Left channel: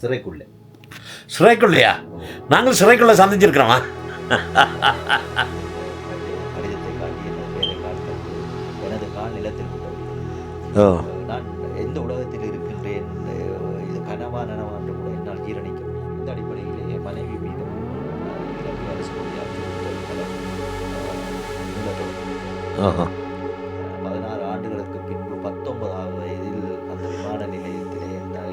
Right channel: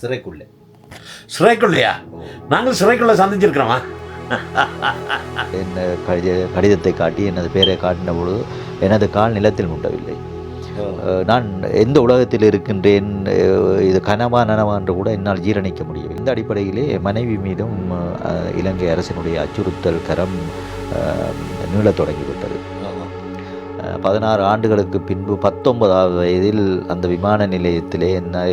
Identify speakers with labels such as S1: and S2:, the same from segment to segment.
S1: சிறைக்குள்ளே.
S2: சிறைக்குள்ளையா? நாங்கள் சிறைக்குள்ள சந்திச்சிருக்கிறோமா?
S3: என் கடித கடிதத்தை காட்டி எனது பெயரை காட்டின பொழுது எனது கால் நிலத்தில் முட்டவில்லை. நான் எந்த உலகத்தில் இருக்கின்றேன் இது கனவா நனவா என்று கூட என்னால் ஜீரணிக்க முடியும் இந்த அடிப்படையிலே மனைவி மீதும் இலங்கை அரசினுடைய அச்சுறுத்தல் கரம் நீளத் தொடங்கிவிட்டது. பதினாறு ஆண்டுகளுக்கு பின்பு பத்தொன்பதாவது வயதில் அந்த விமான நிலையத்திலே என்னை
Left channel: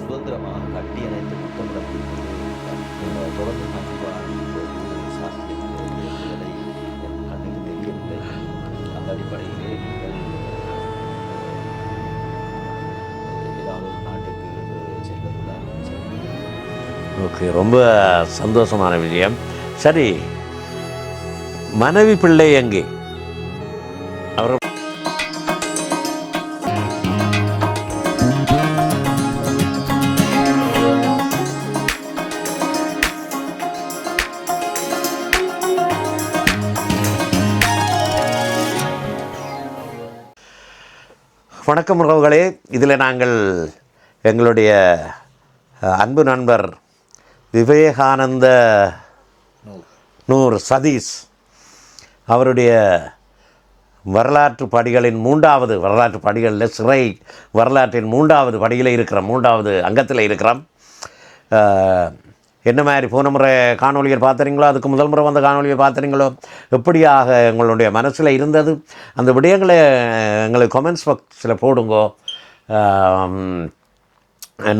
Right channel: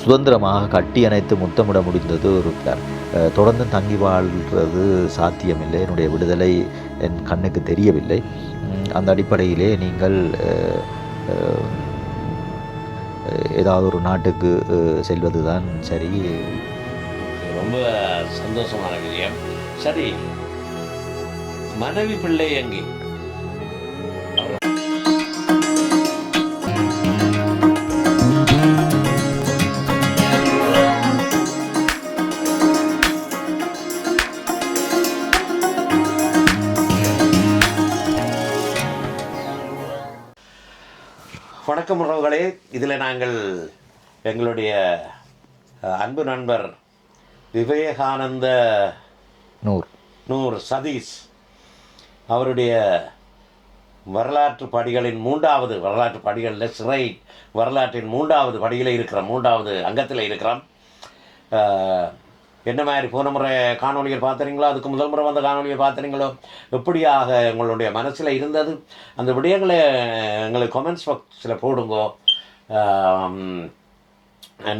S3: சுதந்திரமாக கட்டி அணைத்து முத்தமிட முடிந்தது ஒரு தொடர்ந்து தங்கி வாழ்வது சாத்தியமில்லை. என்னுடைய விடுதலை என் கண்ணுக்கு தெரியவில்லை. அந்த அடிப்படையிலே நீங்கள் ஏதாவது ஒரு நாட்டுக்கு செல்வது செல்வதுதான் சரி.
S2: ஓகே ரொம்ப சந்தோஷமான விஷயம் சரி மனைவி பிள்ளை எங்கே? வணக்கம் உறவுகளே. இதில் நாங்கள் எங்களுடைய அன்பு நண்பர் விவேகானந்த
S3: நூறு
S2: நூர் சதீஷ் அவருடைய வரலாற்று படிகளின் மூன்றாவது வரலாற்று படிகளில் சிறை வரலாற்றின் மூன்றாவது படியில் இருக்கிற மூன்றாவது அங்கத்தில் இருக்கிறோம் என்ன மாதிரி போன முறை காணொலிகள் பார்த்துறீங்களோ அதுக்கு முதல் முறை வந்த காணொலியை பார்த்துறீங்களோ எப்படியாக எங்களுடைய மனசில் இருந்தது? அந்த விடயங்களை எங்களுக்கு கமெண்ட்ஸ் பாக்ஸில் போடுங்கோ.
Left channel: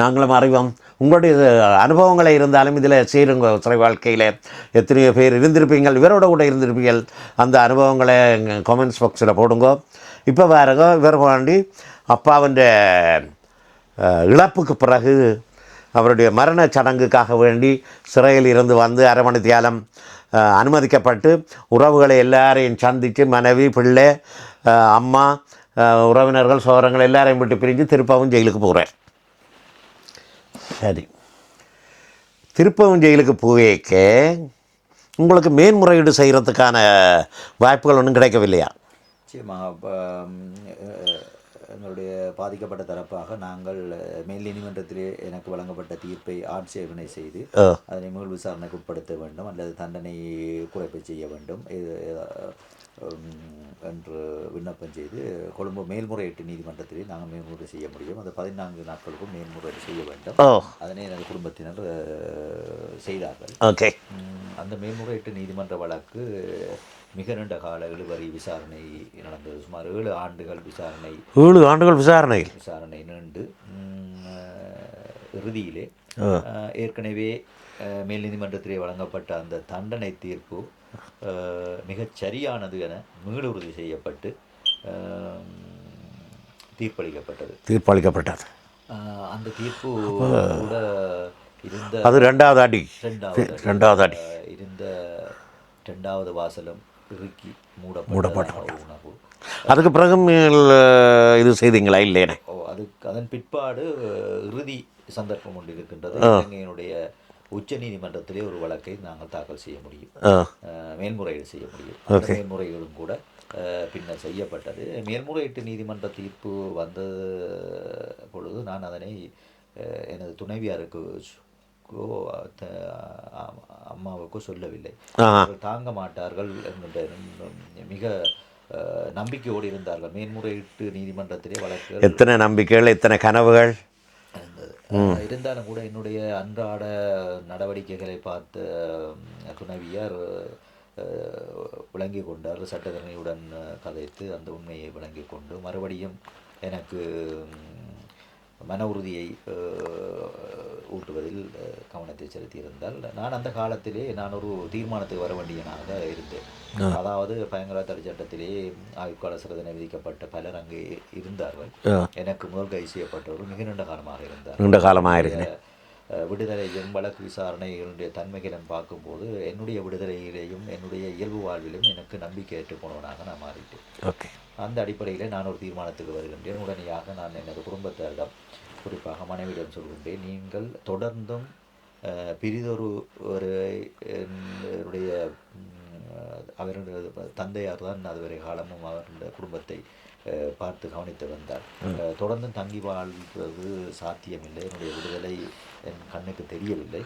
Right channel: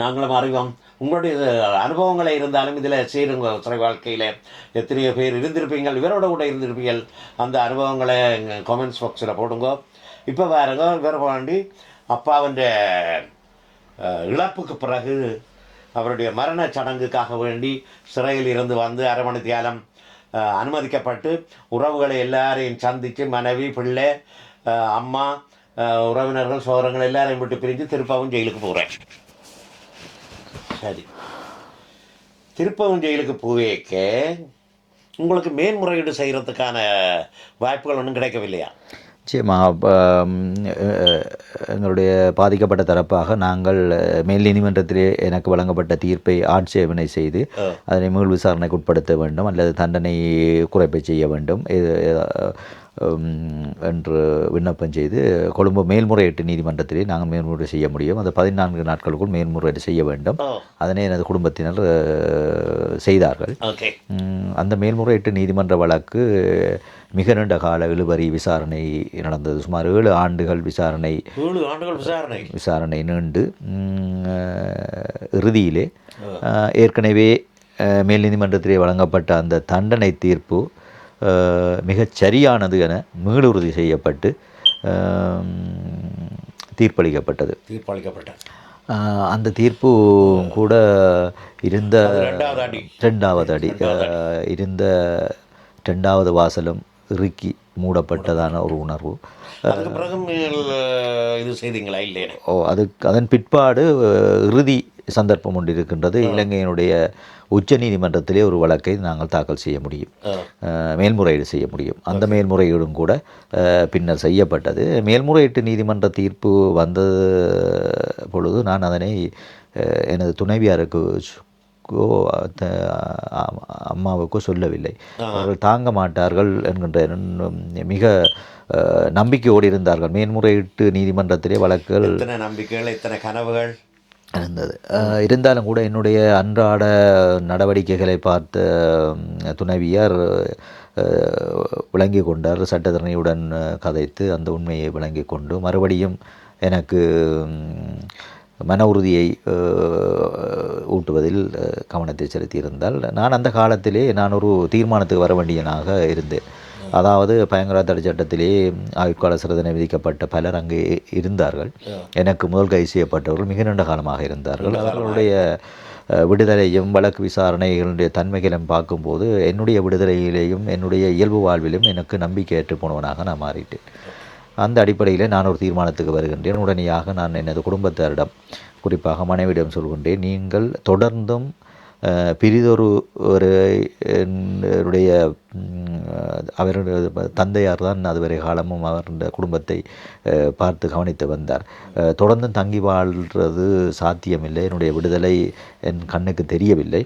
S2: நாங்களும் அறிவோம். உங்களுடைய அனுபவங்களை இருந்தாலும் இதில் சேருங்க. சிறை வாழ்க்கையில் எத்தனையோ பேர் இருந்திருப்பீங்கள் இவரோட கூட இருந்திருப்பீங்கள் அந்த அனுபவங்களை கமெண்ட்ஸ் பாக்ஸில் போடுங்க. இப்போ வேறுங்க இவர் வேண்டி அப்பாவின் இழப்புக்கு பிறகு அவருடைய மரண சடங்குக்காக வேண்டி சிறையில் இருந்து வந்து அரைமணி தியாலம் அனுமதிக்கப்பட்டு உறவுகளை எல்லாரையும் சந்தித்து மனைவி பிள்ளை அம்மா உறவினர்கள் சோரங்கள் எல்லாரையும் விட்டு பிரிஞ்சு திருப்பவும் ஜெயிலுக்கு போகிறேன் சரி. திருப்பவும் ஜெயிலுக்கு போவேக்க உங்களுக்கு மேன்முறையீடு செய்கிறதுக்கான வாய்ப்புகள் ஒன்றும் கிடைக்கவில்லையா?
S3: நிச்சயமா அப்ப, ம், அஹ், எங்களுடைய பாதிக்கப்பட்ட தரப்பாக நாங்கள் மேல் நீதிமன்றத்திலே எனக்கு வழங்கப்பட்ட தீர்ப்பை ஆட்சேபனை செய்து. அதனை மீள் விசாரணைக்கு உட்படுத்த வேண்டும் அல்லது தண்டனை குறைப்பை செய்ய வேண்டும் என்று விண்ணப்பம் செய்து கொழும்பு மேல்முறையீட்டு நீதிமன்றத்திலே நாங்கள் மேல்முறை செய்ய முடியும். அது பதினான்கு நாட்களுக்குள் மேல்முறையீடு செய்ய வேண்டும். அதனை எனது குடும்பத்தினர் செய்தார்கள். அந்த மேல்முறையீட்டு நீதிமன்ற வழக்கு மிக நீண்ட கால இழுபறி விசாரணை நடந்தது. சுமார் ஏழு ஆண்டுகள் விசாரணை
S2: ஏழு ஆண்டுகள் விசாரணை.
S3: விசாரணை நீண்டு இறுதியிலே ஏற்கனவே மேல் நீதிமன்றத்திலே வழங்கப்பட்ட அந்த தண்டனை தீர்ப்பு மிகச் சரியானது என மீளுறுதி செய்யப்பட்டு தீர்ப்பளிக்கப்பட்டது.
S2: தீர்ப்பளிக்கப்பட்டது.
S3: அந்த தீர்ப்பு கூட இருந்த
S2: அது ரெண்டாவது அடி.
S3: ரெண்டாவது அடி. இருந்த ரெண்டாவது வாசலும் இறுக்கி மூடப்பட்டதான ஒரு உணர்வு.
S2: அதுக்கு பிறகு இது செய்தீங்களா இல்லையே?
S3: ஓ அதுக்கு அதன் பிற்பாடு இறுதி சந்தர்ப்பம் ஒன்று இருக்கின்றது. இலங்கையினுடைய உச்ச நீதிமன்றத்திலே ஒரு வழக்கை நாங்கள் தாக்கல் செய்ய முடியும். மேல்முறையீடு செய்ய முடியும். அந்த மேல்முறையீடும் கூட பின்னர் செய்யப்பட்டது. மேல்முறையீட்டு நீதிமன்ற தீர்ப்பு வந்த பொழுது நான் அதனை எனது துணைவியாருக்கு அம்மாவுக்கோ சொல்லவில்லை. அவர்கள் தாங்க மாட்டார்கள் என்கின்ற மிக நம்பிக்கையோடு இருந்தார்கள். மேன்முறையீட்டு நீதிமன்றத்திலே வழக்குகள்
S2: எத்தனை நம்பிக்கைகள் எத்தனை கனவுகள்?
S3: இருந்தது. இருந்தாலும் கூட என்னுடைய அன்றாட நடவடிக்கைகளை பார்த்த துணைவியார் விளங்கி கொண்டார். சட்டத்தரணியுடன் கதைத்து அந்த உண்மையை விளங்கி கொண்டு மறுபடியும் எனக்கு மன உறுதியை ஊட்டுவதில் கவனத்தை செலுத்தியிருந்தால் நான் அந்த காலத்திலே நான் ஒரு தீர்மானத்துக்கு வர வேண்டியனாக இருந்தேன். அதாவது பயங்கரவாத தடை சட்டத்திலே ஆயுட்கால சிறுதனை விதிக்கப்பட்ட பலர் அங்கே இருந்தார்கள். எனக்கு முதல் கைது செய்யப்பட்டவர்கள் மிக நீண்ட காலமாக இருந்தார்கள்.
S2: காலமாக
S3: விடுதலையும் வழக்கு விசாரணைகளுடைய தன்மைகளும் பார்க்கும்போது என்னுடைய விடுதலையிலேயும் என்னுடைய இயல்பு வாழ்விலும் எனக்கு நம்பிக்கையற்று போனவனாக நான் மாறிட்டேன். அந்த அடிப்படையில் நான் ஒரு தீர்மானத்துக்கு வருகின்றேன். உடனடியாக நான் எனது குடும்பத்தாரிடம் குறிப்பாக மனைவியிடம் சொல்கின்றேன் நீங்கள் தொடர்ந்தும் பிரிதொரு ஒரு என்னுடைய அவருடைய தந்தையார் தான் அதுவரை காலமும் அவர் இந்த குடும்பத்தை பார்த்து கவனித்து வந்தார். தொடர்ந்து தங்கி வாழ்றது சாத்தியமில்லை. என்னுடைய விடுதலை என் கண்ணுக்கு தெரியவில்லை.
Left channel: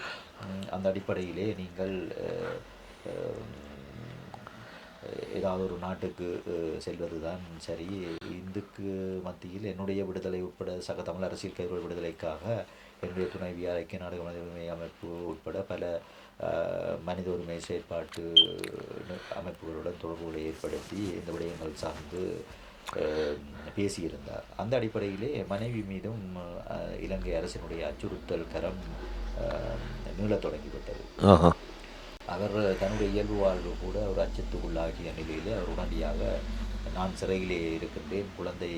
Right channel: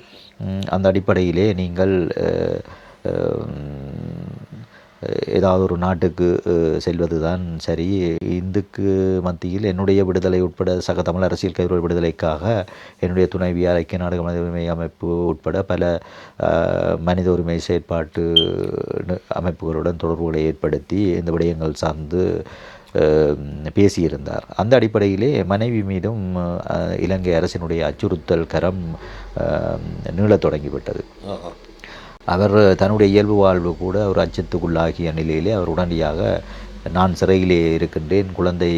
S3: அந்த அடிப்படையிலே நீங்கள் ஏதாவது ஒரு நாட்டுக்கு செல்வது தான் சரி. இந்துக்கு மத்தியில் என்னுடைய விடுதலை உட்பட சக தமிழ் அரசியல் கைவிட விடுதலைக்காக என்னுடைய துணைவியார் ஐக்கிய நாடுகள் மனித உரிமை அமைப்பு உட்பட பல மனித உரிமை செயற்பாட்டு அமைப்புகளுடன் தொடர்புகளை ஏற்படுத்தி இந்த விடயங்கள் சார்ந்து பேசியிருந்தார். அந்த அடிப்படையிலே மனைவி மீதும் இலங்கை அரசினுடைய அச்சுறுத்தல் கரம் நீளத் தொடங்கிவிட்டது.
S2: ஓஹோ
S3: அவர் தன்னுடைய இயல்பு வாழ்வு கூட ஒரு அச்சத்துக்குள்ளாகிய நிலையிலே அவர் உடனடியாக நான் சிறையிலே இருக்கின்றேன் குழந்தை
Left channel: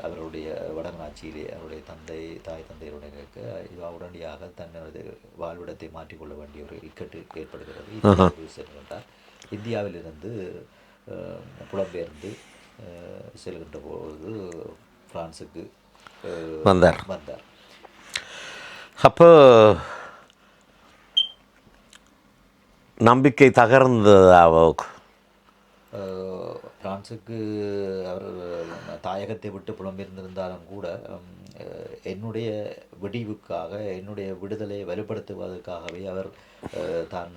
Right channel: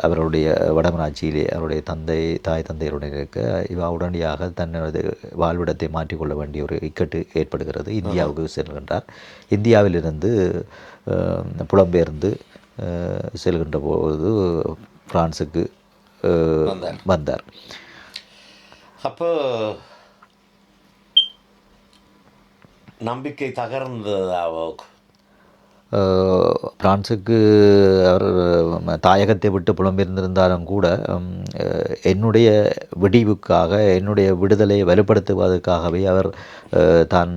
S3: அவருடைய வடமராட்சியிலே அவருடைய தந்தை தாய் தந்தையருடன் இருக்க இவ உடனடியாக தனது வாழ்விடத்தை மாற்றிக்கொள்ள வேண்டிய ஒரு இக்கட்டு ஏற்படுகிறது. இந்தியாவுக்கு செல்கின்றார். இந்தியாவிலிருந்து புலம்பெயர்ந்து செல்கின்ற போது பிரான்சுக்கு அஹ்,
S2: வந்தார்.
S3: வந்தார்.
S2: அப்போ நம்பிக்கை தகர்ந்ததா
S3: பிரான்ஸுக்கு பிரான்சுக்கு அவர் தாயகத்தை விட்டு புலம்பெயர்ந்திருந்தாலும் கூட என்னுடைய விடிவுக்காக என்னுடைய விடுதலை வலுப்படுத்துவதற்காகவே அவர் தான்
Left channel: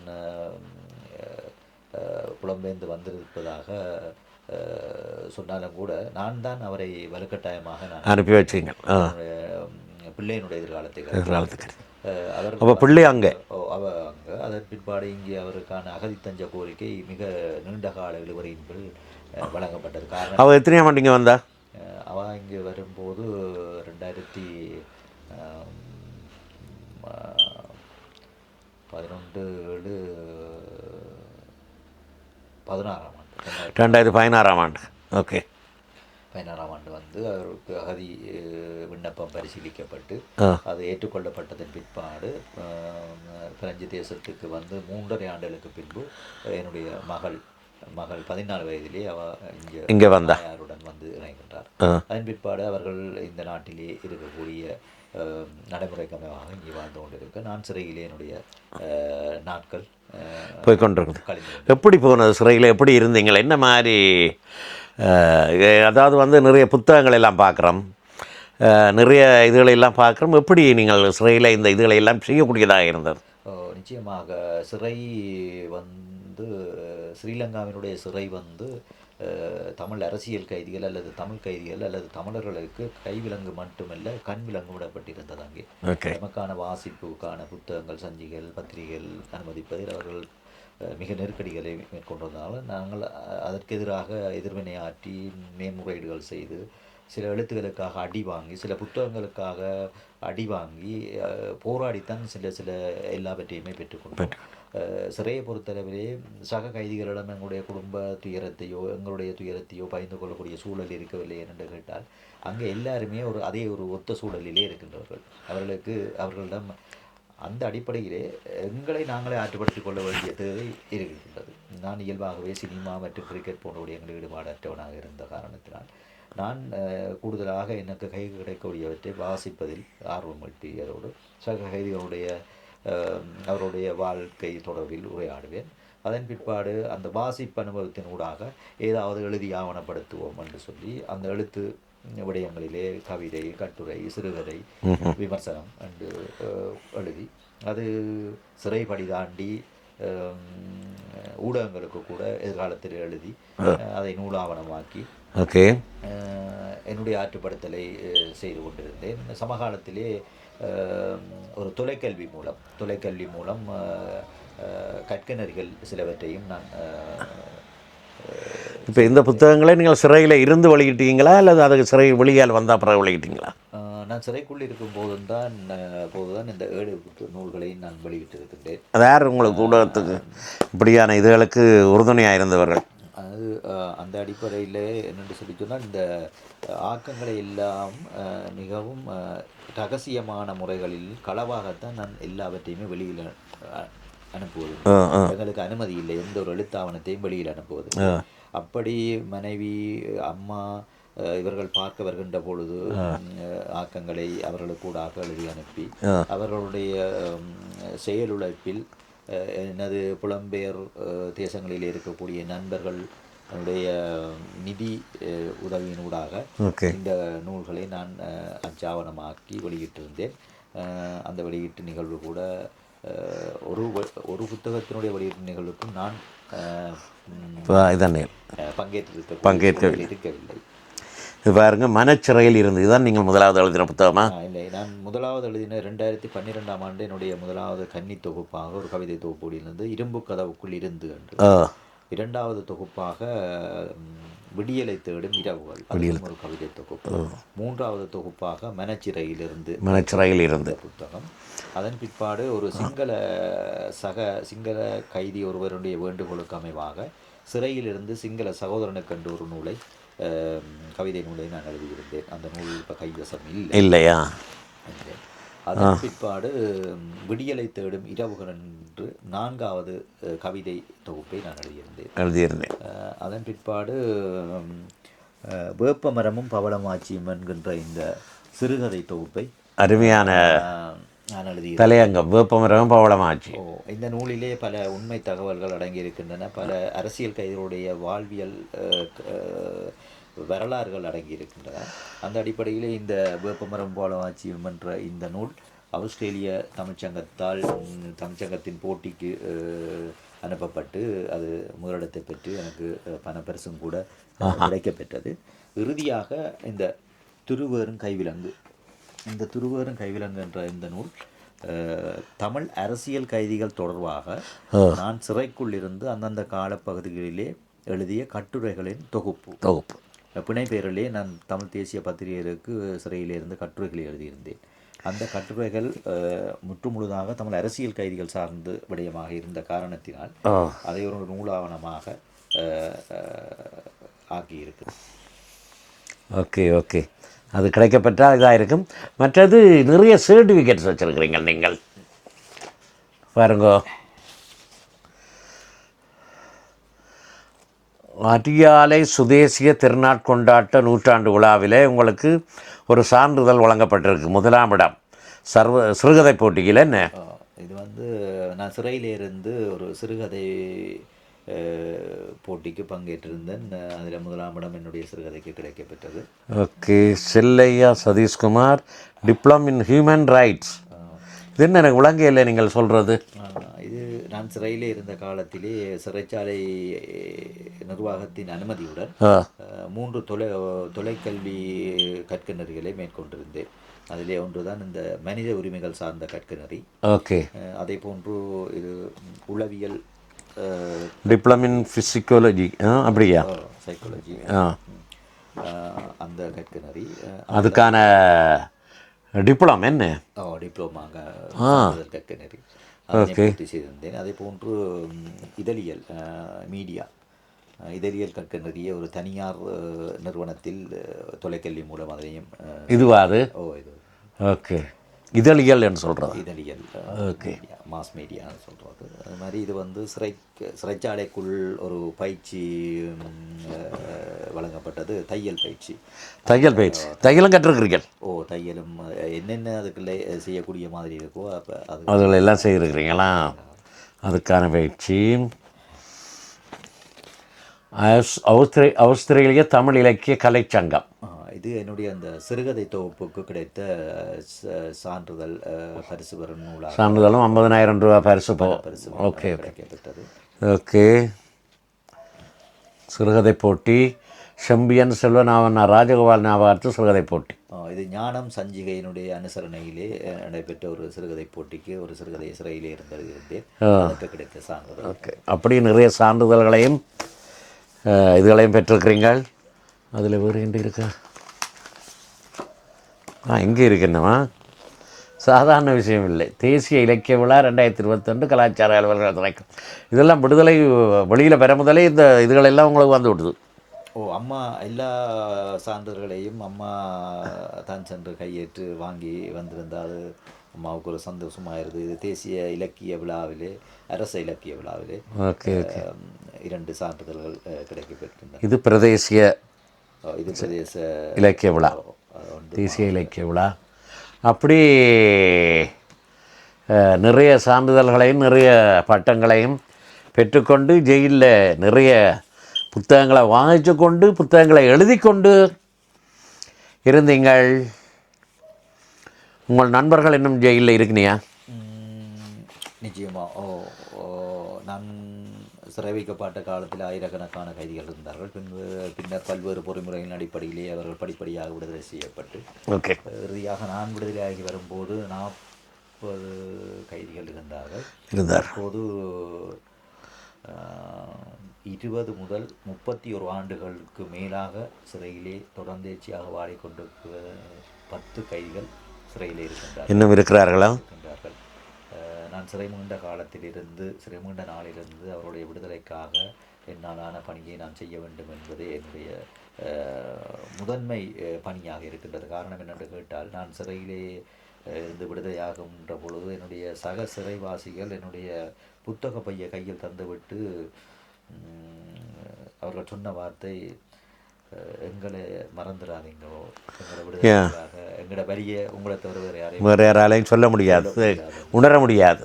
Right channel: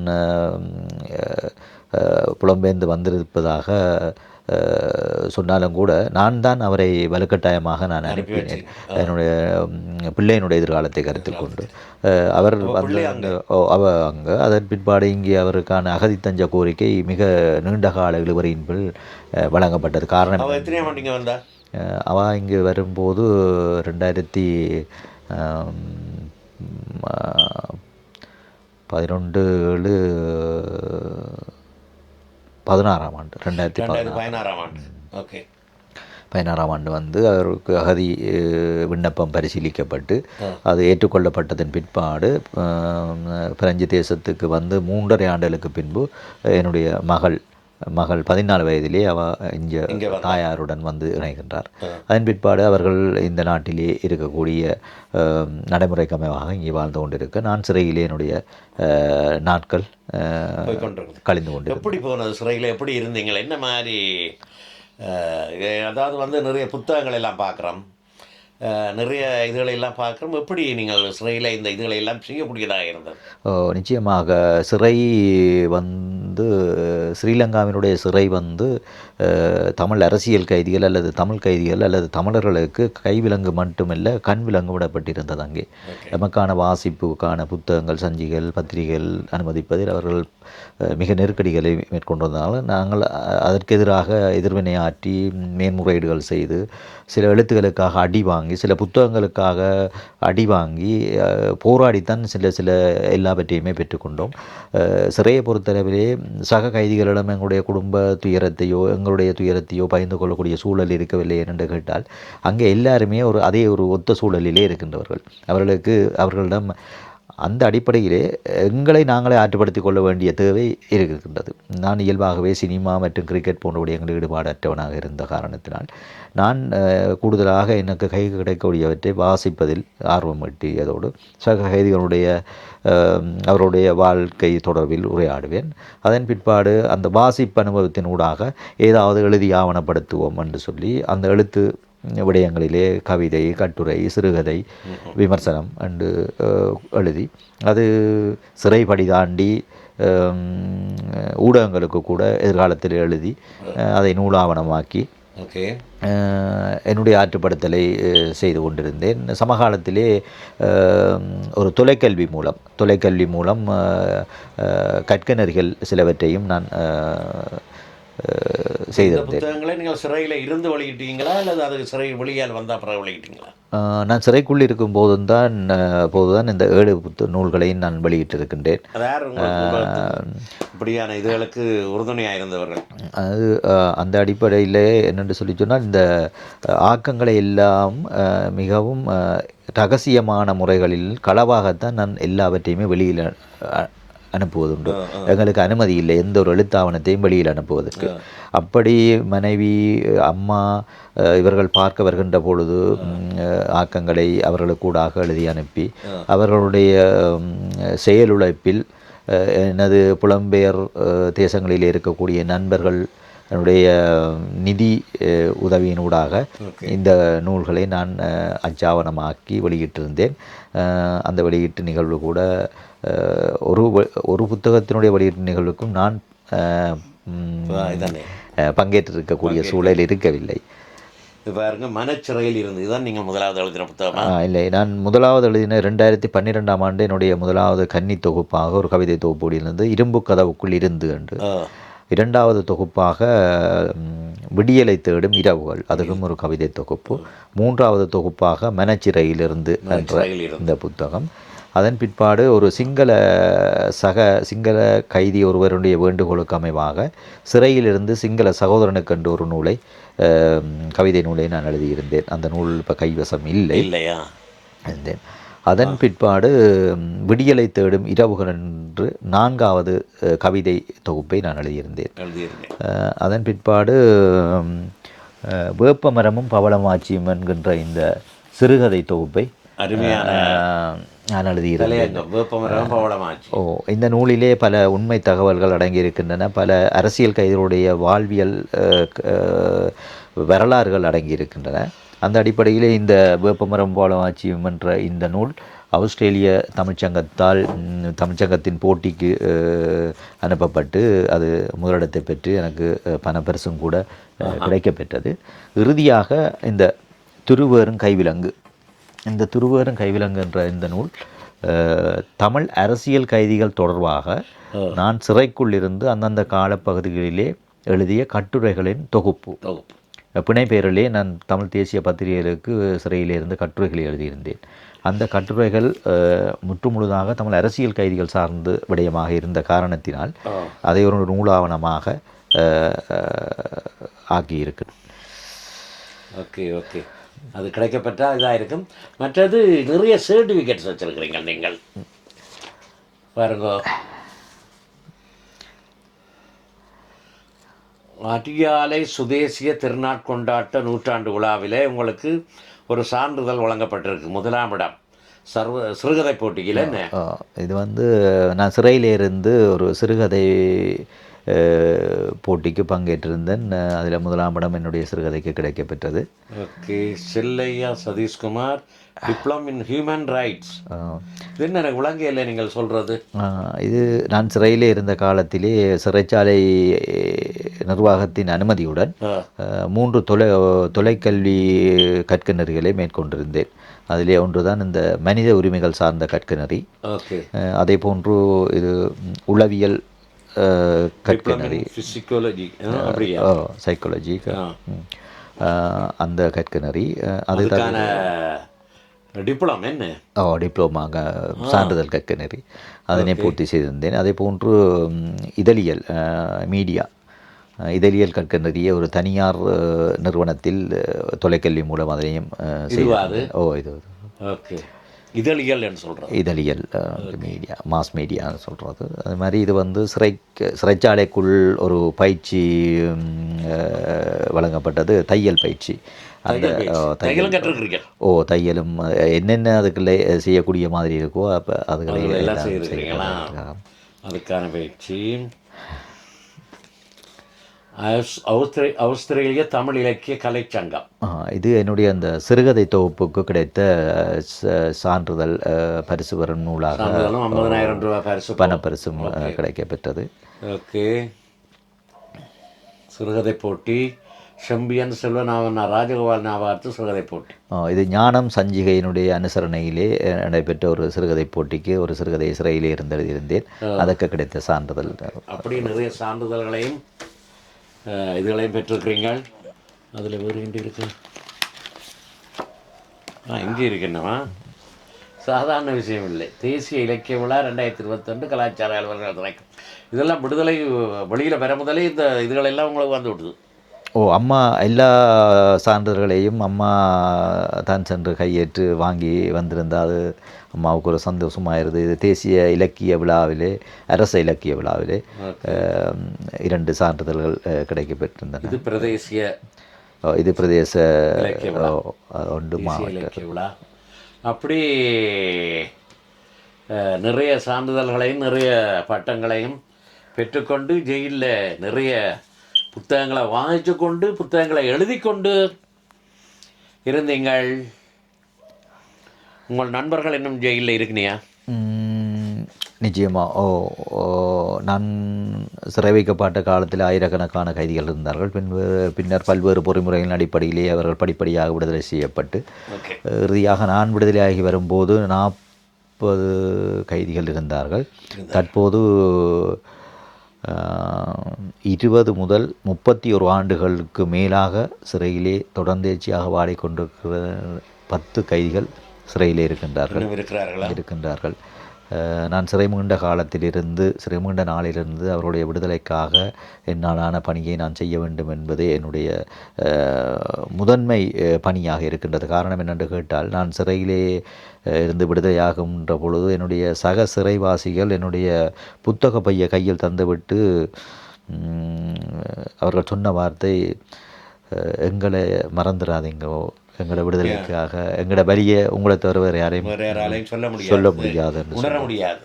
S3: புலம்பெயர்ந்து வந்திருப்பதாக சொன்னாலும் கூட நான் தான் அவரை வலுக்கட்டாயமாக நான்
S2: அனுப்பி. வச்சீங்க.
S3: என்னுடைய பிள்ளையினுடைய எதிர்காலத்தை கருத்தில் அவர்
S2: பிள்ளை
S3: வந்து-
S2: அங்க?
S3: அவ அங்கே அதன் பிற்பாடு இங்கே அவருக்கான அகதித்தஞ்ச கோரிக்கை மிக நீண்ட கால இழுவரியின் வழங்கப்பட்டது காரணம்
S2: அவ எத்தனையா மாட்டீங்க வந்தா
S3: அஹ், அவ இங்கே வரும்போது ரெண்டாயிரத்தி பதினொன்று ஏழு பதினாறாம் ஆண்டு ரெண்டாயிரத்தி
S2: ரெண்டாயிரத்தி பதினாறாம் ஆண்டு. ஓகே
S3: பதினாறாம் ஆண்டு வந்து அவருக்கு அகதி விண்ணப்பம் பரிசீலிக்கப்பட்டு அது ஏற்றுக்கொள்ளப்பட்டதன் பிற்பாடு பிரெஞ்சு தேசத்துக்கு வந்து மூன்றரை ஆண்டுகளுக்கு பின்பு என்னுடைய மகள் மகள் பதினாலு வயதிலே அவ இங்கே
S2: இங்க வந்தா.
S3: தாயாருடன் வந்து இணைகின்றார். அதன் பிற்பாடு அவர்கள் இந்த நாட்டிலே இருக்கக்கூடிய நடைமுறைக்கு அமைவாக இங்கே வாழ்ந்து கொண்டிருக்க. நான் சிறையிலே என்னுடைய நாட்கள்
S2: போய்
S3: கழிந்து கொண்டு
S2: எப்படி போனது? சிறையில் எப்படி இருந்தீங்கள் என்ன மாதிரி அதாவது வந்து நிறைய புத்தகங்கள் எல்லாம் பார்க்குறோம். நிறைய இதுகளை எல்லாம் பார்க்குறோம். எப்படி நீங்கள் சிறையில் இந்த இதுகளை எல்லாம் செய்யக்கூடியதாக இருந்தது?
S3: ஓ, நிச்சயமாக. சிறை வந்து ஸ்ரீலங்காவினுடைய சிறை வந்து தமிழ் அரசியல் கைதிகள் அல்லது தமிழ் கைதிகள் அல்லது தமிழர்களுக்கு கைவிலங்கு மட்டுமல்ல கண் விலங்கு விடப்பட்டிருந்தது அங்கே. நமக்கான வாசிப்புக்கான புத்தகங்கள் சஞ்சிகள் பத்திரிகைகள் அனுமதிப்பதில் அவர்கள் மிக நெருக்கடிகளை மேற்கொண்டு வந்ததால் நாங்கள் அதற்கு எதிராக எதிர்வினை ஆற்றி மேன்முறையீடுகள் செய்து சில எழுத்துக்களுக்காக அடி வாங்கி சில புத்தகங்களுக்காக அடி வாங்கி போராடித்தான் சில சில எல்லாவற்றையுமே பெற்றுக்கொண்டோம். சிறையை பொறுத்தளவிலே சக கைதிகளிடம் எங்களுடைய குடும்ப துயரத்தையோ எங்களுடைய துயரத்தையோ பகிர்ந்து கொள்ளக்கூடிய சூழல் இருக்கவில்லை என்று கேட்டால் அங்கே எல்லாருமே ஒரு அதே ஒரு ஒத்த சூழலிலே இருக்கின்றவர்கள். அவர்களுக்கு அவர்களிடம் அந்த அடிப்படையிலே எங்களை நாங்களே ஆற்றுப்படுத்திக் கொள்ள வேண்டிய தேவை இருக்கின்றது. நான் இயல்பாகவே சினிமா மற்றும் கிரிக்கெட் போன்ற விடயங்களில் ஈடுபாடற்றவனாக இருந்த காரணத்தினால் நான் கூடுதலாக எனக்கு கை கிடைக்கக்கூடியவற்றை வாசிப்பதில் ஆர்வம் எட்டியதோடு சக கைதிகளுடைய அவருடைய வாழ்க்கை தொடர்பில் உரையாடுவேன். அதன் பிற்பாடு அந்த வாசிப்பு அனுபவத்தின் ஊடாக ஏதாவது எழுதி ஆவணப்படுத்துவோம் என்று சொல்லி அந்த எழுத்து விடயங்களிலே கவிதை கட்டுரை சிறுகதை விமர்சனம் என்று எழுதி அது சிறைப்படி தாண்டி ஊடகங்களுக்கு கூட எதிர்காலத்தில் எழுதி அதை நூலாவணமாக்கி
S2: ஓகே.
S3: என்னுடைய ஆற்றுப்படுத்தலை செய்து கொண்டிருந்தேன். சமகாலத்திலே ஒரு தொலைக்கல்வி மூலம் தொலைக்கல்வி மூலம் அஹ், கற்கனர்கள் சிலவற்றையும் நான்
S2: இந்த புத்தகங்களை நீங்கள் சிறையில் இருந்து வெளியிட்டீங்களா அல்லது அதுக்கு சிறை வெளியால் வந்தால் பிறகு வெளியிட்டீங்களா
S3: நான் சிறைக்குள் இருக்கும் போதும்தான் அஹ், போதுதான் இந்த ஏழு புத்த நூல்களையும் நான் வெளியிட்டிருக்கின்றேன்.
S2: அது யார் உங்களுக்கு இப்படியான இதுகளுக்கு உறுதுணையாக இருந்தவர்கள்.
S3: அது அந்த அடிப்படையில் என்னென்று சொல்லி சொன்னால் இந்த ஆக்கங்களை எல்லாம் மிகவும் ரகசியமான முறைகளில் களவாகத்தான் நான் எல்லாவற்றையுமே வெளியில் அனுப்புவதுண்டு. எங்களுக்கு அனுமதி இல்லை. எந்த ஒரு எழுத்தாவணத்தையும் வெளியில் அனுப்புவதற்கு அப்படி மனைவி அம்மா இவர்கள் பார்க்க வருகின்ற பொழுது ஆக்கங்களை அவர்களுக்கூடாக எழுதி அனுப்பி அவர்களுடைய செயலுழைப்பில் எனது புலம்பெயர் தேசங்களில் இருக்கக்கூடிய நண்பர்கள் என்னுடைய நிதி உதவியினூடாக. இந்த நூல்களை நான் அச்சாவணமாக்கி வெளியிட்டிருந்தேன். அந்த வெளியீட்டு நிகழ்வு கூட ஒரு ஒரு புத்தகத்தினுடைய வெளியீட்டு நிகழ்வுக்கும் நான்
S2: இதானே.
S3: பங்கேற்றிருக்கக்கூடிய சூழல் இருக்கவில்லை.
S2: பாருங்க மனச்சிறையில் இருந்து. இதுதான் நீங்கள் முதலாவது எழுதின புத்தகமா?
S3: இல்லை. நான் முதலாவது எழுதின ரெண்டாயிரத்தி பன்னிரெண்டாம் ஆண்டு என்னுடைய முதலாவது கன்னி தொகுப்பாக ஒரு கவிதை தொகுப்பு இருந்தது இரும்பு கதவுக்குள் இருந்து என்று. இரண்டாவது தொகுப்பாக விடியலை தேடும் இரவுகள். அதிலும் ஒரு கவிதை தொகுப்பு. மூன்றாவது தொகுப்பாக மனச்சிறையிலிருந்து
S2: மனச்சிறையில் இருந்து.
S3: புத்தகம். அதன் பிற்பாடு ஒரு சிங்கள சக சிங்கள கைதி ஒருவருடைய வேண்டுகோளுக்கு அமைவாக சிறையிலிருந்து சிங்கள சகோதரனுக்கு என்று ஒரு நூலை கவிதை நூலை நான் எழுதியிருந்தேன். அந்த நூல் இப்போ கைவசம் இல்லை.
S2: இல்லையா?
S3: இருந்தேன் அதன் பிற்பாடு விடியலை தேடும் இரவுகள் என்று நான்காவது கவிதை தொகுப்பை நான் எழுதியிருந்தேன்.
S2: எழுதியிருந்தேன்.
S3: அதன் பிற்பாடு வேப்பமரமும் பவளமாச்சியும் என்கின்ற இந்த சிறுகதை தொகுப்பை
S2: அருமையான
S3: நான் எழுதியிருந்தேன்.
S2: தலையங்கம் வேப்பமரம் பவளமாச்சு
S3: ஓ இந்த நூலிலே பல உண்மை தகவல்கள் அடங்கியிருக்கின்றன. பல அரசியல் கைதிகளுடைய வாழ்வியல் வரலாறுகள் அடங்கியிருக்கின்றன. அந்த அடிப்படையிலே இந்த வேப்பமரம் பாலமாச்சியம் என்ற இந்த நூல் ஆஸ்திரேலிய தமிழ்ச்சங்கத்தால் தமிழ்ச்சங்கத்தின் போட்டிக்கு அனுப்பப்பட்டு அது முதலிடத்தை பெற்று எனக்கு பணப்பரிசும் கூட கிடைக்கப்பெற்றது. இறுதியாக இந்த திருவேறும் கைவிலங்கு இந்த திருவேறும் கைவிலங்கு என்ற இந்த நூல் தமிழ் அரசியல் கைதிகள் தொடர்பாக நான் சிறைக்குள் இருந்து அந்தந்த காலப்பகுதிகளிலே எழுதிய கட்டுரைகளின் தொகுப்பு.
S2: தொகுப்பு.
S3: பிணைப்பெயரிலே நான் தமிழ் தேசிய பத்திரிகைகளுக்கு சிறையிலே இருந்து கட்டுரைகளை எழுதியிருந்தேன். அந்த கட்டுரைகள் முற்றுமுழுதாக தமிழ் அரசியல் கைதிகள் சார்ந்து விடயமாக இருந்த காரணத்தினால் அதை ஒரு நூலாவணமாக ஆக்கியிருக்கு
S2: ஓகே ஓகே. அது கிடைக்கப்பட்டால் இதாக இருக்கும். மற்றது நிறைய சர்டிஃபிகேட்ஸ் வச்சுருக்கிறீங்க நீங்கள். பாருங்க. அடியாலை சுதேசிய திருநாட்கொண்டாட்ட நூற்றாண்டு விழாவிலே உங்களுக்கு ஒரு சான்றிதழ் வழங்கப்பட்டிருக்கு முதலாம் இடம். சர்வ சிறுகதை போட்டியில் என்ன?
S3: இது வந்து நான் சிறையிலிருந்து ஒரு சிறுகதை போட்டிக்கு பங்கேற்றிருந்தேன். அதில் முதலாம் இடம் என்னுடைய சிறுகதைக்கு கிடைக்கப்பெற்றது.
S2: Okay Chellaiah Satheeshkumar diploma in human rights. இது என்ன எனக்கு விளங்கையில் நீங்கள் சொல்கிறது
S3: இது நான் சிறையிலே இருந்த காலத்திலே சிறைச்சாலை நிர்வாகத்தின் அனுமதியுடன் மூன்று தொலை தொலைக்கல்வி கற்கநெறிகளை மேற்கொண்டிருந்தேன். அதிலே ஒன்றுதான் இந்த மனித உரிமைகள் சார்ந்த கற்கநெறி
S2: ஓகே.
S3: அதே போன்று இது உளவியல்
S2: டிப்ளம் இன் ஃபிசிக்காலஜி அப்படியா?
S3: சைக்காலஜி
S2: ஆ.
S3: அந்த கற்கநெறி அஹ், அது
S2: அதுக்கான டிப்ளம் என்ன?
S3: ஓ டிப்ளோமாங்க சான்றிதழ் கற்கநெறி அதனை பூர்த்தி செய்திருந்தேன். அதே போன்று இதழியல் மீடியா. இதழியல் கற்கநெறிய ஒரு தனியார் நிறுவனத்தில் தொலைக்கல்வி மூலம் அதனையும் ஓ இது
S2: ஓகே இதழியல் என்று சொல்கிறது
S3: இதழியல் மீடியா மாஸ் மீடியான்னு சொல்கிறது அது மாதிரி இது வந்து சிறை சிறைச்சாலைக்குள் ஒரு பயிற்சி வழங்கப்பட்டது தையல் பயிற்சி.
S2: தையல் பயிற்சி. தையலும் கற்றுக்கிறீர்கள்.
S3: ஓ தையலும் என்னென்ன அதுக்குள்ளே செய்யக்கூடிய மாதிரி இருக்கோ அப்போ அது
S2: எல்லாம் செய்திருக்கிறீங்களா? அதுக்கான பயிற்சி. ஆஸ்திரேலிய தமிழ் இலக்கிய கலைச்சங்கம்
S3: ஆ, இது என்னுடைய அந்த சிறுகதை தொகுப்புக்கு கிடைத்த சான்றிதழ் பரிசு பெறும் நூலாக
S2: சான்றிதழும் ஐம்பதனாயிரம் ரூபாய் பரிசு பணம்
S3: பரிசும் அஹ், கிடைக்கப்பெற்றது.
S2: ஓகே. சிறுகதை போட்டி செம்பியன் செல்வநாவன் ராஜகோபால் ஞாபகத்து சிறுகதை போட்டி.
S3: இது ஞானம் சஞ்சிகையினுடைய அனுசரணையிலே நடைபெற்ற ஒரு சிறுகதை போட்டிக்கு ஒரு சிறுகதை சிறையிலே இருந்து எழுதியிருந்தேன் அதற்கு கிடைத்த சான்றிதழ்
S2: அப்படி நிறைய சான்றிதழ்களையும் இதுகளையும் பெற்றிருக்கிறீங்கள். அதில் வேறு எங்கே இருக்கா? ஆ இங்கே இருக்கின்றமா சாதாரண விஷயம் இல்லை. தேசிய இலக்கிய விழா ரெண்டாயிரத்தி இருபத்தொன்று கலாச்சார அலுவலர்கள் துறைக்கும் இதெல்லாம் விடுதலை வெளியில் பெற முதலே இந்த இதுகளெல்லாம் உங்களுக்கு வந்து விட்டுது
S3: ஓ அம்மா எல்லா சான்றிதழ்களையும் அம்மா தான் சென்று கையேற்று வாங்கி வந்திருந்தா அது அம்மாவுக்கு ஒரு சந்தோஷமாயிருது இது தேசிய இலக்கிய விழாவிலே அரச இலக்கிய விழாவிலே இரண்டு சான்றிதழ்கள் அஹ், கிடைக்கப் பெற்றிருந்தன
S2: இது பிரதேசிய
S3: இது பிரதேச
S2: இலக்கிய விழா.
S3: ஒன்று
S2: இலக்கிய விழா அப்படி நிறைய சான்றிதழ்களையும் நிறைய பட்டங்களையும் பெற்றுக்கொண்டு ஜெயிலில் நிறைய புத்தகங்களை வாங்கிச்சு கொண்டு புத்தகங்களை எழுதி கொண்டு இருந்தீங்கள் உங்கள் நண்பர்கள் இன்னும் ஜெயிலில் இருக்கிறியா
S3: ம், நிச்சயமா. ஓ நான் சிறை வைக்கப்பட்ட காலத்தில் ஆயிரக்கணக்கான கைதிகள் இருந்தார்கள். பின்பு பின்னர் பல்வேறு பொறிமுறைகளின் அடிப்படையிலே அவர்கள் படிப்படியாக விடுதலை செய்யப்பட்டு
S2: ஓகே.
S3: இறுதியாக நான் விடுதலையாகி வரும்போது நாற்பது கைதிகள் இருந்தார்கள். தற்போது இருபது முதல் முப்பத்தி ஒரு ஆண்டுகளுக்கு மேலாக சிறையிலே தொடர்ந்தேர்ச்சியாக வாடிக்கொண்டிருக்கிற பத்து கைதிகள் சிறையிலே இருக்கின்றார்கள்.
S2: இன்னும் இருக்கிறார்களா?
S3: இருக்கின்றார்கள். நான் சிறை மீண்ட காலத்திலிருந்து சிறை மீண்ட நாளிலிருந்து அவருடைய விடுதலைக்காக என்னாலான பணியை நான் செய்ய வேண்டும் என்பதே என்னுடைய முதன்மை பணியாக இருக்கின்றது. காரணம் என்னென்று கேட்டால் நான் சிறையிலே இருந்து விடுதலையாகின்ற பொழுது என்னுடைய சக சிறைவாசிகள் என்னுடைய புத்தக பையை கையில் தந்துவிட்டு அவர்கள் சொன்ன வார்த்தை எங்களை மறந்துடாதீங்கோ எங்களை விடுதலைக்காக எங்களோட வலியை உங்களை தவிர வேறு யாரையும்
S2: வேறு யாராலையும் சொல்ல முடியாது.
S3: சொல்ல முடியாது
S2: உணர முடியாது.